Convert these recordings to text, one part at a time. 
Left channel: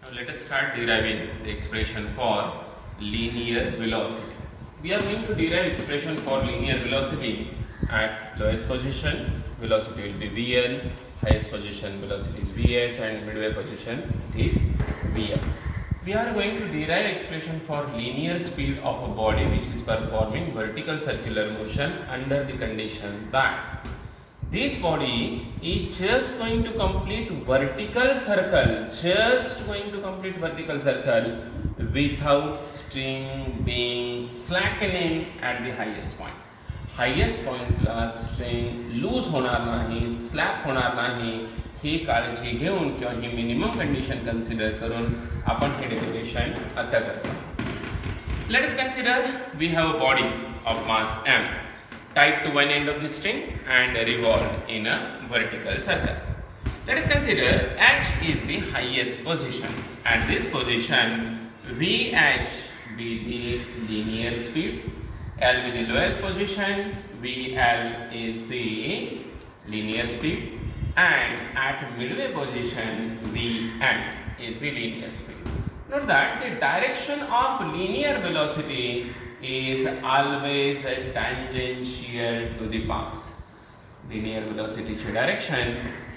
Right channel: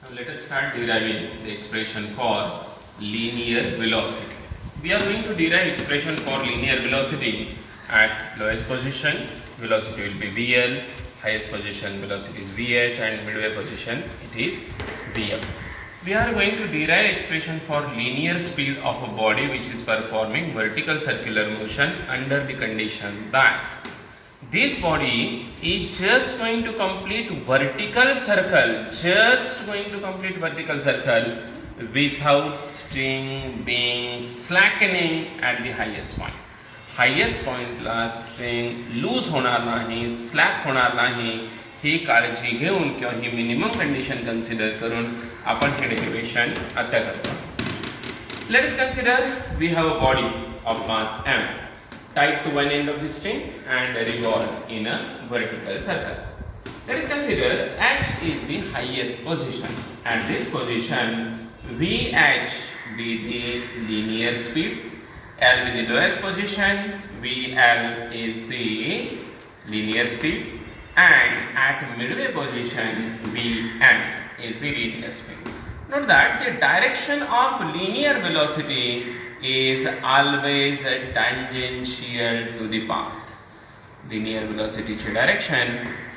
Now let us start deriving the expression for linear velocity. We are going to derive expression for linear velocity at lowest position. Velocity will be VL, highest position velocity is VH, and midway position it is VM. We are going to derive expression for linear speed of a body which is performing vertical circular motion under the condition that this body is just going to complete vertical circle, without string being slackening at the highest point. Highest पॉइंटला string loose होणार नाही, slack होणार नाही, ही काळजी घेऊन किंवा ही minimum condition consider करून आपण हे डेरिव्हेशन आता करतो. Let us consider we have a body of mass m tied to one end of the string and revolved in a vertical circle. Let us consider h is the highest position. At this position, vh be the linear speed, l be the lowest position, vl is the linear speed, and at midway position, vm is the linear speed. Note that the direction of linear velocity is always tangential to the path. Linear velocity ची direction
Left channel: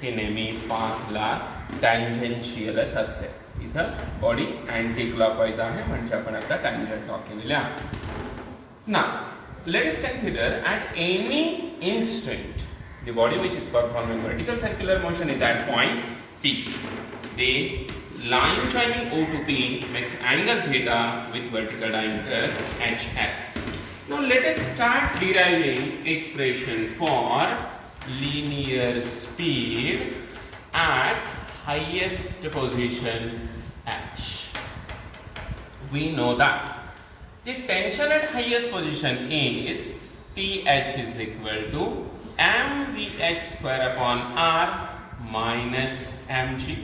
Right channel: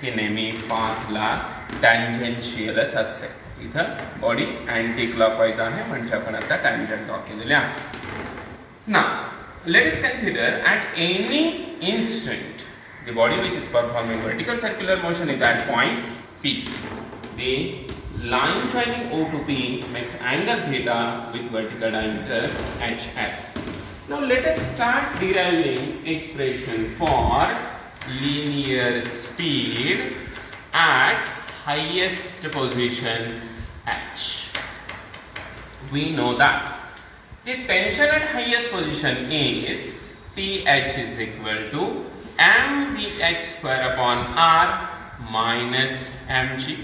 ही नेहमी पाथला टँजेन्शियलच असते. इथं body anti clockwise आहे म्हणजे आपण आता tangent draw केलेले आहे. Now let us consider at any instant the body which is performing vertical circular motion is at point P. The line joining O to P makes angle theta with vertical diameter HF. Now let us start deriving expression for linear speed at highest position H. We know that the tension at highest position is TH is equal to mvh square upon r minus mg.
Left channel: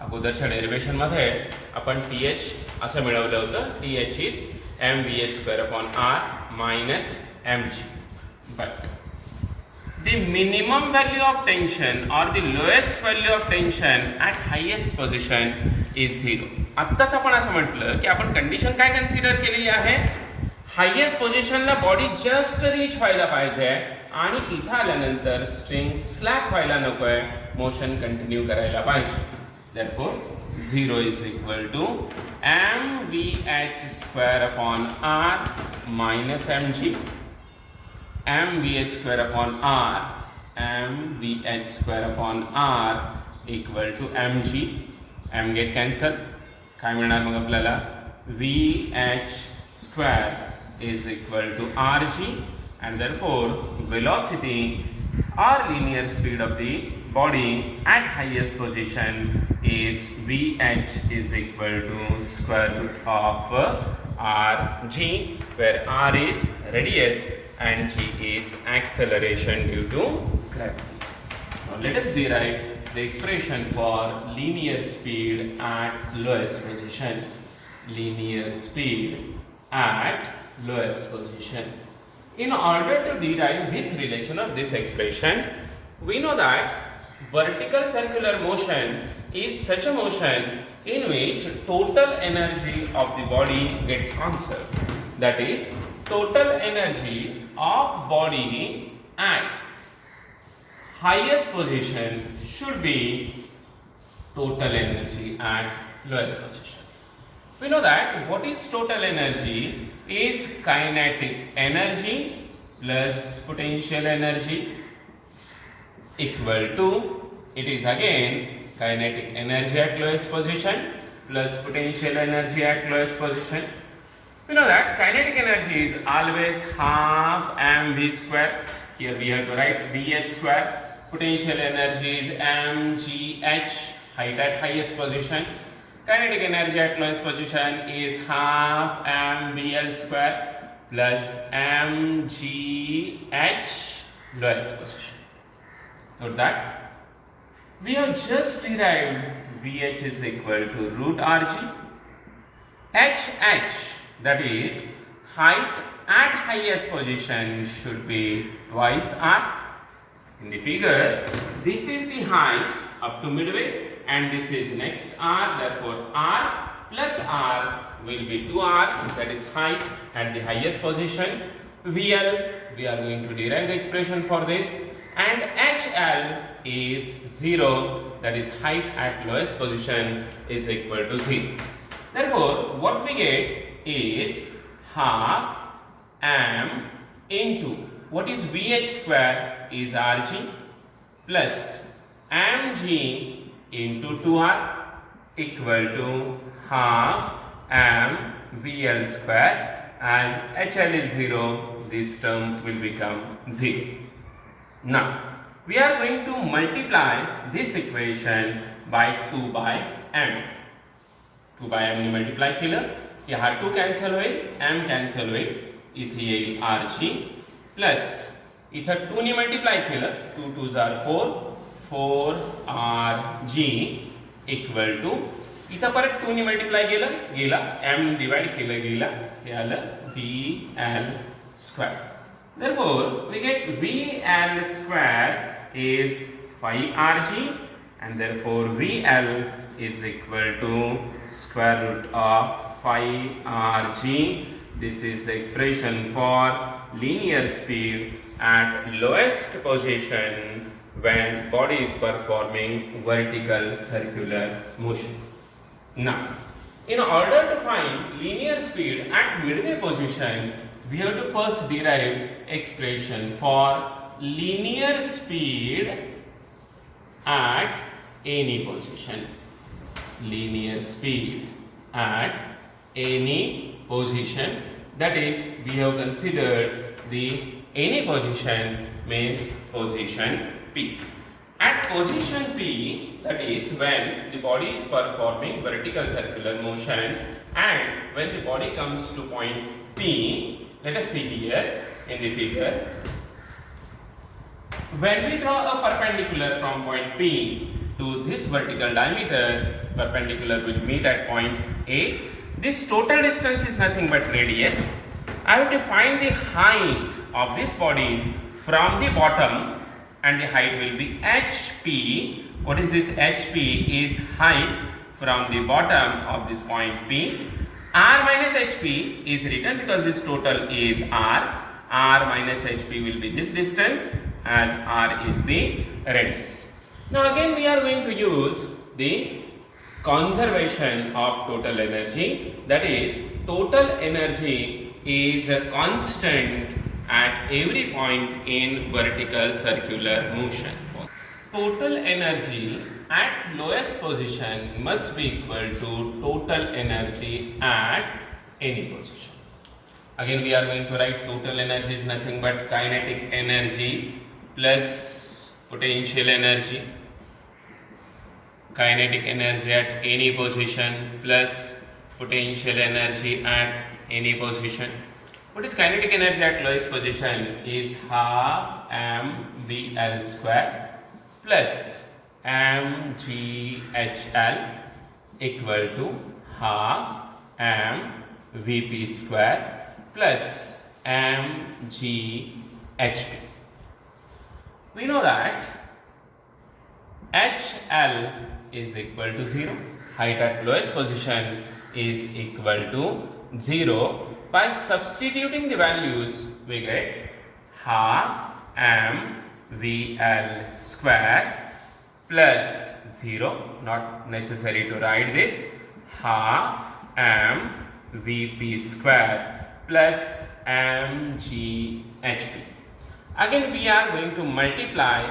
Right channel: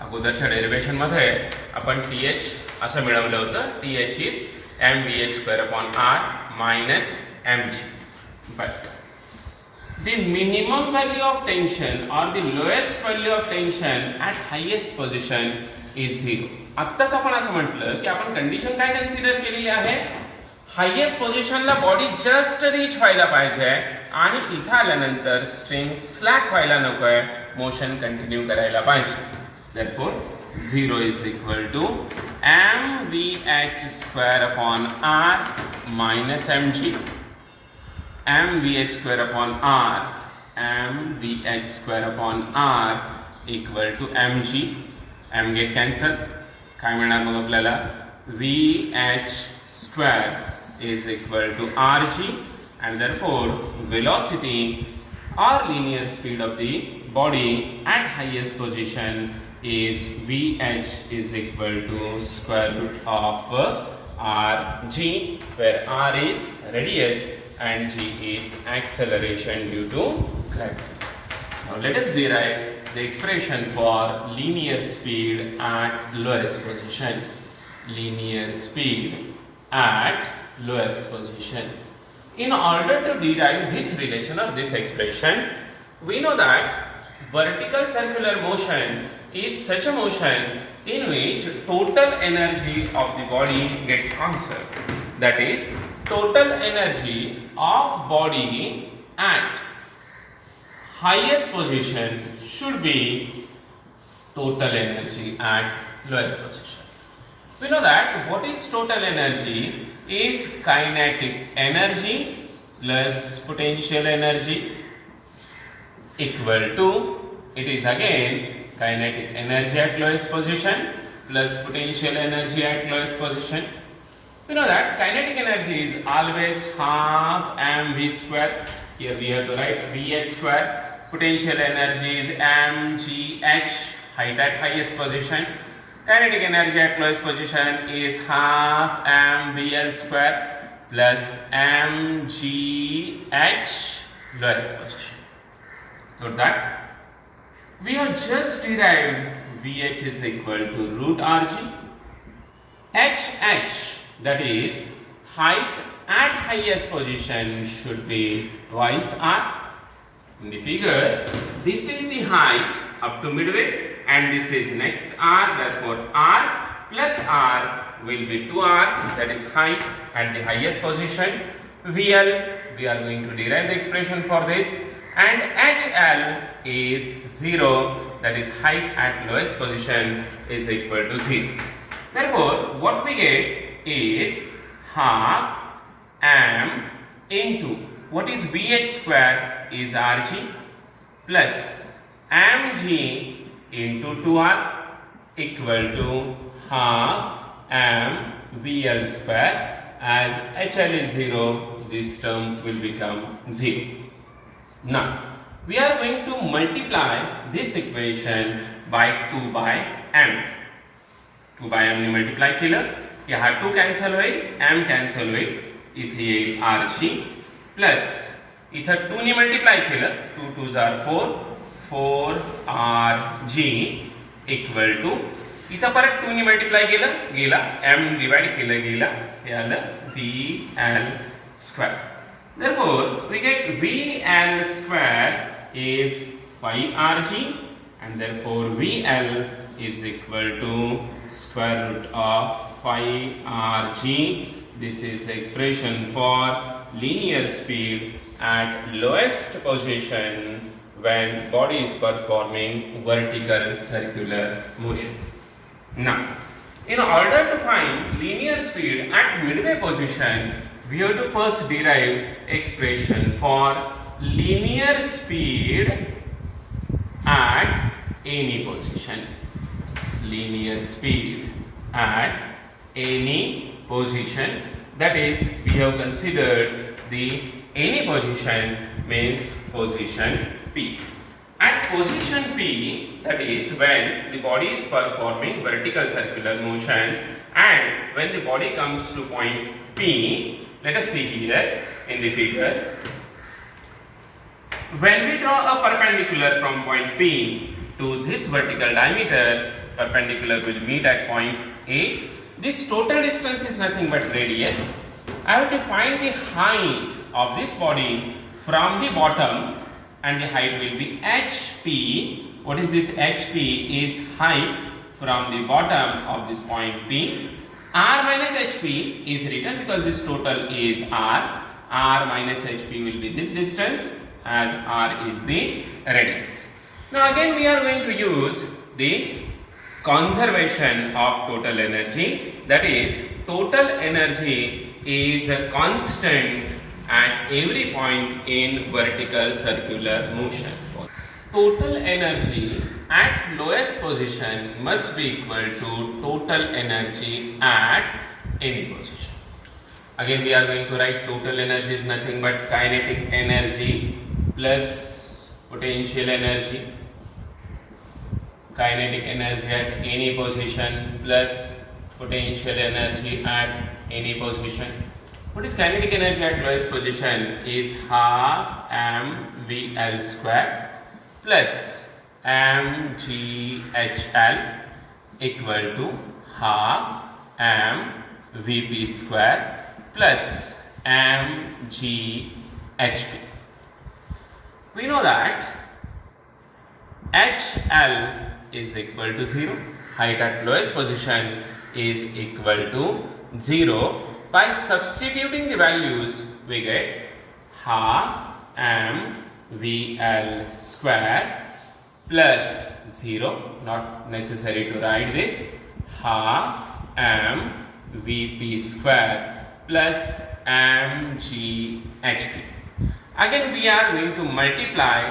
अगोदरच्या derivation मध्ये आपण TH असं मिळवलं होतं. TH is mvh square upon r minus mg. But the minimum value of tension or the lowest value of tension at highest position is 0. आत्ताच आपण असं म्हटलं की आपण कंडिशन काय कन्सिडर केलेली आहे, हायेस्ट पोझिशनला बॉडी जस्ट रीच व्हायला पाहिजे आणि इथं आल्यानंतर स्ट्रिंग स्लॅक व्हायला नकोय, मोशन कंटिन्यू करायला पाहिजे. Therefore 0 is equal to mvh square upon r minus mg, mvh square upon r equal to mg. m get cancel, काय मिळणार मग आपल्याला, vh square is equal to rg, and therefore velocity or linear speed of the body at highest position is vh is equal to square root of rg, where r is radius and g is acceleration due to gravity. Now let us derive the expression for linear speed at lowest position. Linear speed at lowest position. In order to derive this relation or this expression, we know that vertical circular motion is such a motion in which total energy of the body gets conserved. That is, total energy of body at highest position should be total energy at lowest position. We know that what is total energy is kinetic energy plus potential energy equal to, it is again kinetic energy at lowest position plus potential energy at lowest position. We know that kinetic energy is always half mv square. Here we have to write vh square. Potential energy is mgh, height at highest position. Kinetic energy at lowest position is half mvl square plus mgh lowest position. Note that we have just derived vh is equal to root rg. hh, that is height at highest position, should be twice r. In the figure, this is the height up to midway and this is next r, therefore r plus r will be 2r, that is height at the highest position. VL, we are going to derive the expression for this, and HL is 0, that is height at lowest position is equal to 0. Therefore, what we get is half m into what is Vh square is Rg plus mg into 2r equal to half m VL square. As HL is 0, this term will become 0. Now, we are going to multiply this equation by 2 by m. 2 by m ने multiply केलं की हा 2 cancel होईल, m cancel होईल, इथे येईल rg plus इथं 2 ने multiply केलं, 2 2s are 4, 4rg equal to इथं परत 2 ने multiply केलं गेला, m divide केलं गेला, हे आलं VL square. Therefore, we get VL square is 5rg, and therefore VL is equal to square root of 5rg. This is the expression for linear speed at lowest position when body is performing vertical circular motion. Now, in order to find linear speed at midway position, we have to first derive expression for linear speed at any position. Linear speed at any position, that is, we have considered the any position means position P. At position P, that is when the body is performing vertical circular motion, and when the body comes to point P, let us see here in the figure. When we draw a perpendicular from point P to this vertical diameter, perpendicular will meet at point A. This total distance is nothing but radius. I have to find the height of this body from the bottom, and the height will be HP. What is this HP? Is height from the bottom of this point P. R minus HP is written because this total is R. R minus HP will be this distance, as R is the radius. Now again we are going to use the conservation of total energy, that is total energy is a constant at every point in vertical circular motion. Total energy at lowest position must be equal to total energy at any position. Again we are going to write total energy is nothing but kinetic energy plus potential energy. Kinetic energy at any position plus potential energy at any position. What is kinetic energy at lowest position? Is half mVL square plus mgHL equal to half mVp square plus mgHp. We know that HL is equal to 0. Height at lowest position is equal to 0. By substituting the values, we get half mVL square plus 0, not necessary to write this, half mVp square plus mgHp. Again we are going to multiply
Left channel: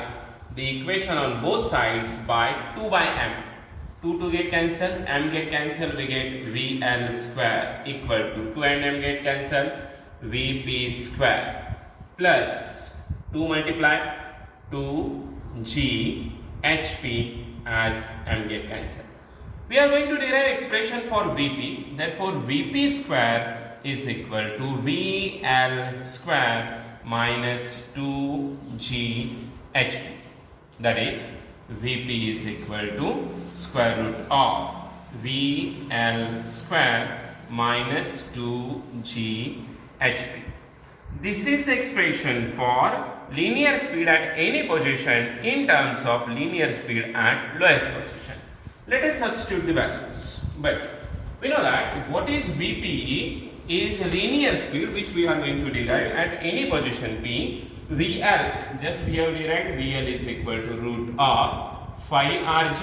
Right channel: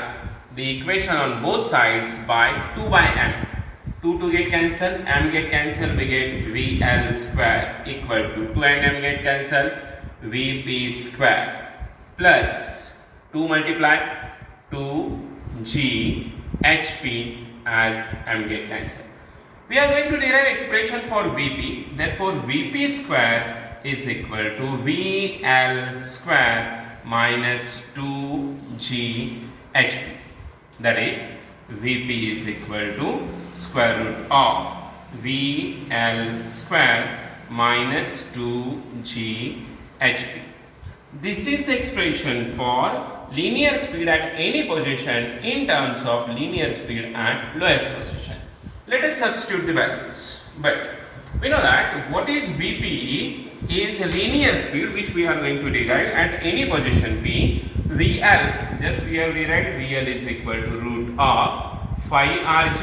the equation on both sides by 2 by m. 2 get cancelled, m get cancelled, we get VL square equal to 2 and m get cancelled, Vp square plus 2 multiply 2g HP as m get cancelled. We are going to derive expression for Vp. Therefore, Vp square is equal to VL square minus 2g HP. That is, Vp is equal to square root of VL square minus 2g HP. This is the expression for linear speed at any position in terms of linear speed at lowest position. Let us substitute the values. But we know that what is Vp is a linear speed which we are going to derive at any position P. VL, just we have derived VL is equal to root of phi Rg,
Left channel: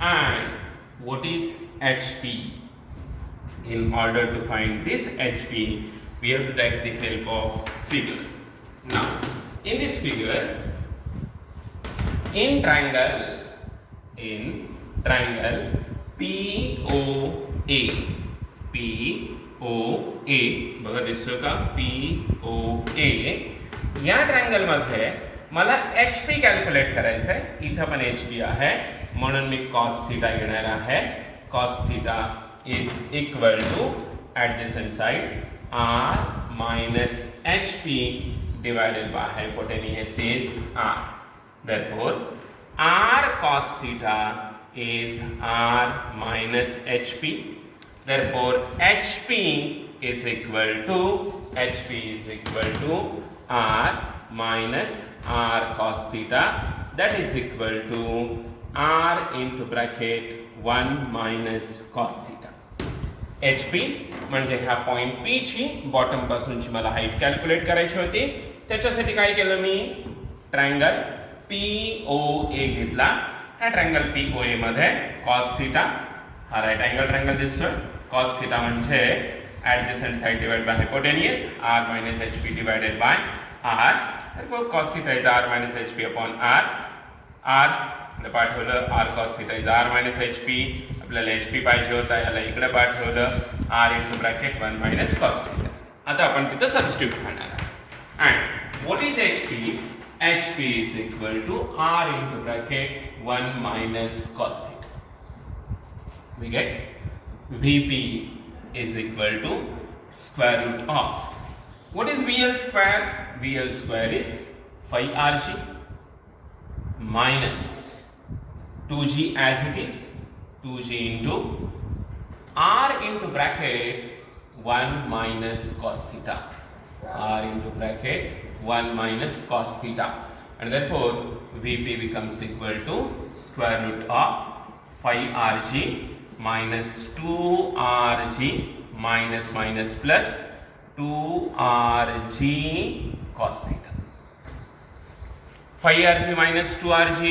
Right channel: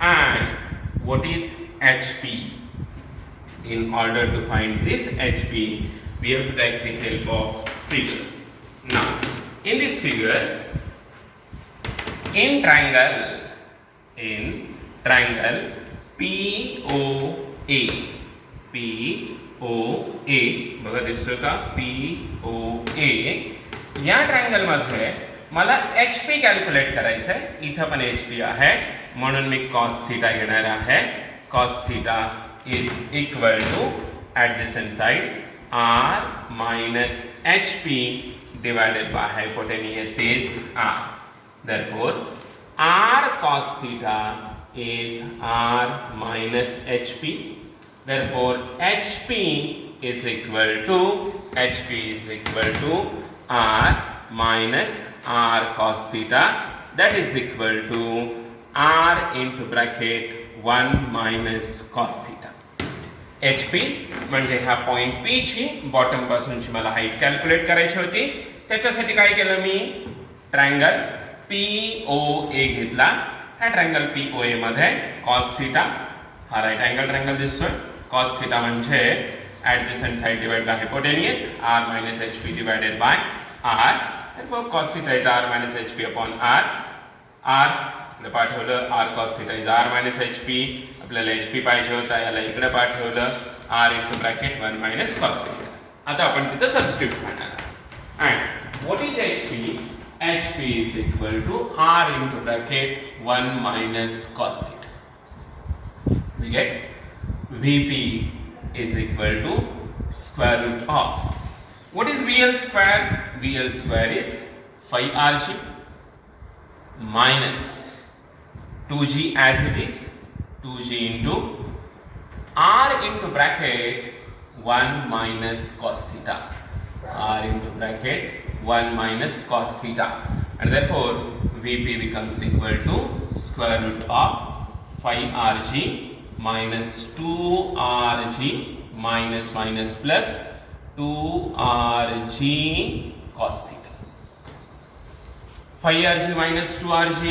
and what is HP. In order to find this HP, we have to take the help of figure. Now, in this figure, in triangle POA, बघा दिसतोय का POA, या triangle मध्ये मला HP calculate करायचं आहे. इथं पण HP आहे म्हणून मी cos थीटा घेणार आहे. cos theta is equal to adjacent side R minus HP divided by hypotenuse is R. Therefore, R cos theta is R minus HP. Therefore, HP is equal to R minus R cos theta. That is equal to R into bracket 1 minus cos theta. HP म्हणजे ह्या point P ची bottom पासूनची मला height calculate करायची होती. त्याच्यासाठी काय केलं मी, triangle POA घेतला. ह्या ट्रायंगल POA मध्ये cos थीटा, हा राईट अँगल ट्रायंगल दिसतोय. cos थीटा म्हणजे adjacent side divided by hypotenuse R minus HP divided by R. Therefore cos theta is R minus HP upon R. R पाठवलं R cos theta is R minus HP. आपल्याला HP पाहिजे होता, याला इकडे पाठवलं R into bracket 1 minus cos theta. आता आपण तिथं सबस्टिट्यूट करणार. And what is HP? HP is equal to R into bracket 1 minus cos theta. We get VP is equal to square root of, what is VL square? VL square is phi Rg minus 2G as it is, 2G into R into bracket 1 minus cos theta. R into bracket 1 minus cos theta, and therefore VP becomes equal to square root of phi Rg minus 2Rg minus plus 2Rg cos theta. Phi Rg minus 2Rg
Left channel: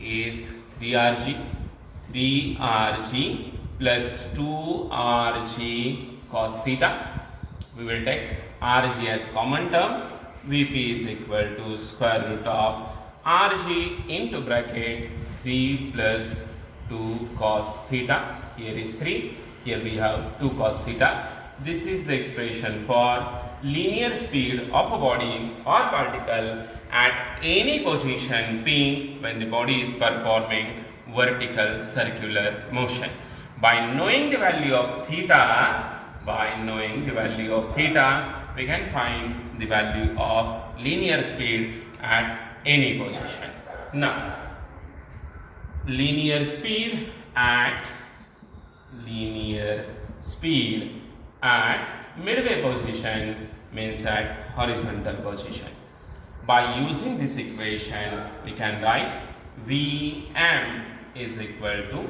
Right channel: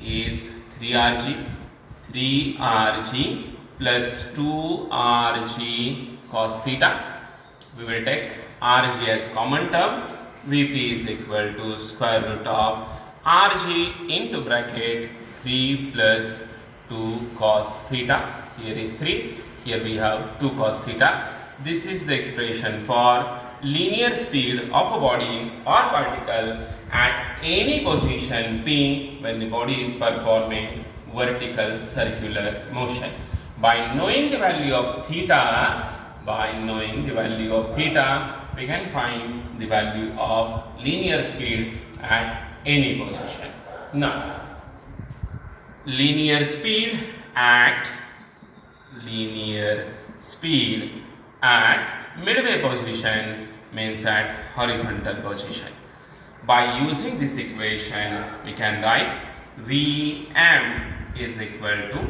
is 3Rg. 3Rg plus 2Rg cos theta. We will take Rg as common term. Vp is equal to square root of Rg into bracket 3 plus 2 cos theta. Here is 3, here we have 2 cos theta. This is the expression for linear speed of a body or particle at any position P when the body is performing vertical circular motion. By knowing the value of theta, we can find the value of linear speed at any position. Now, linear speed at midway position means at horizontal position. By using this equation, we can write Vm is equal to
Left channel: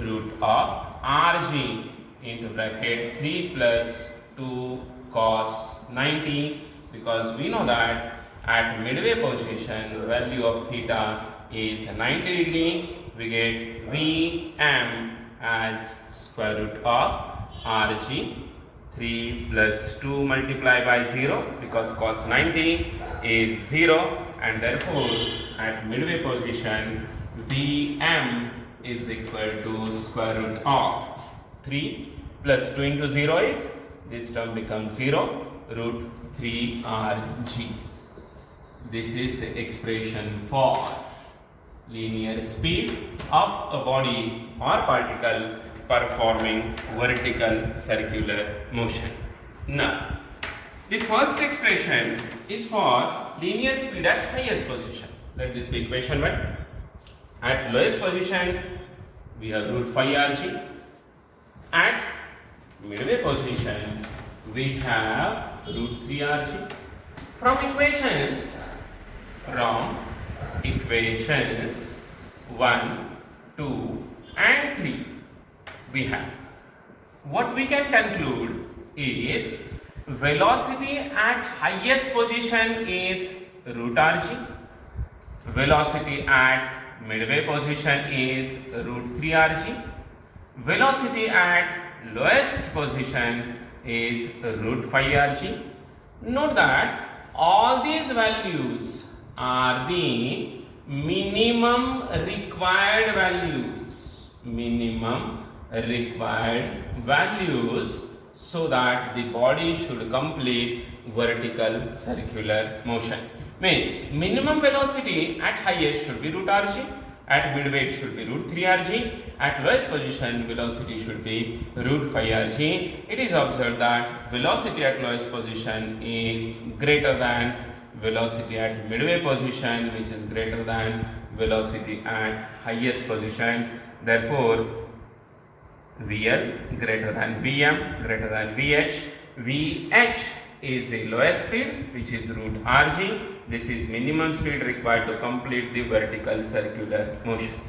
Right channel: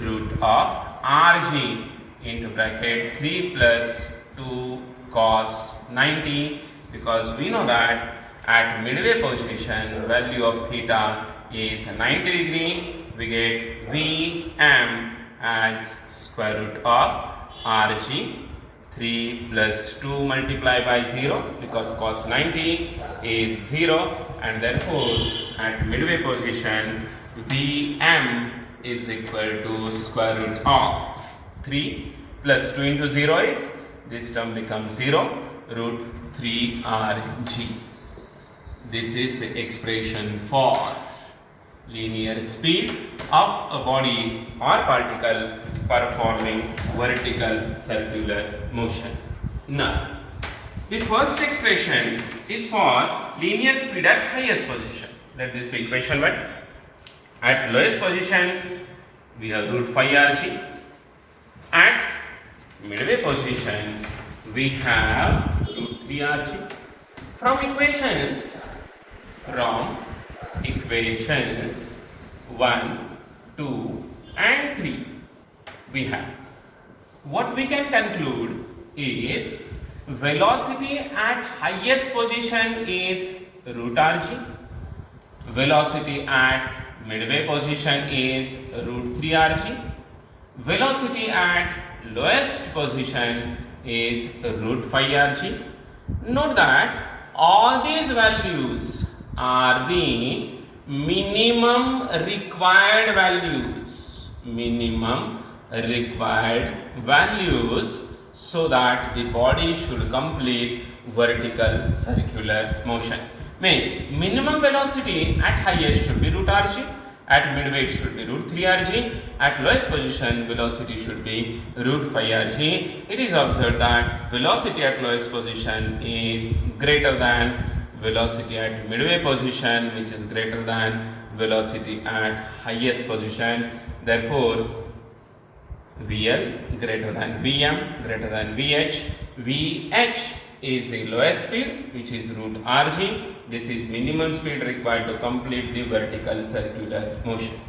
root of Rg into bracket 3 plus 2 cos 90, because we know that at midway position value of theta is 90 degree. We get Vm as square root of Rg. 3 plus 2 multiplied by 0, because cos 90 is 0, and therefore at midway position Vm is equal to square root of 3 plus 2 into 0 is, this term becomes 0, root 3Rg. This is the expression for linear speed of a body or particle performing vertical circular motion. Now, the first expression is for linear speed at highest position. Let this be equation 1. At lowest position, we have root phi Rg. At midway position, we have root 3Rg. From equations 1, 2, and 3 we have. What we can conclude is velocity at highest position is root rg, velocity at midway position is root 3 rg, velocity at lowest position is root 5 rg. Note that all these values are the minimum required values, so that the body should complete vertical circular motion. Means minimum velocity at highest should be root rg, at midway it should be root 3 rg, at lowest position velocity should be root 5 rg. It is observed that velocity at lowest position is greater than velocity at midway position, which is greater than velocity at highest position. Therefore, VL greater than VM greater than VH. VH is the lowest speed, which is root rg. This is minimum speed required to complete the vertical circular motion.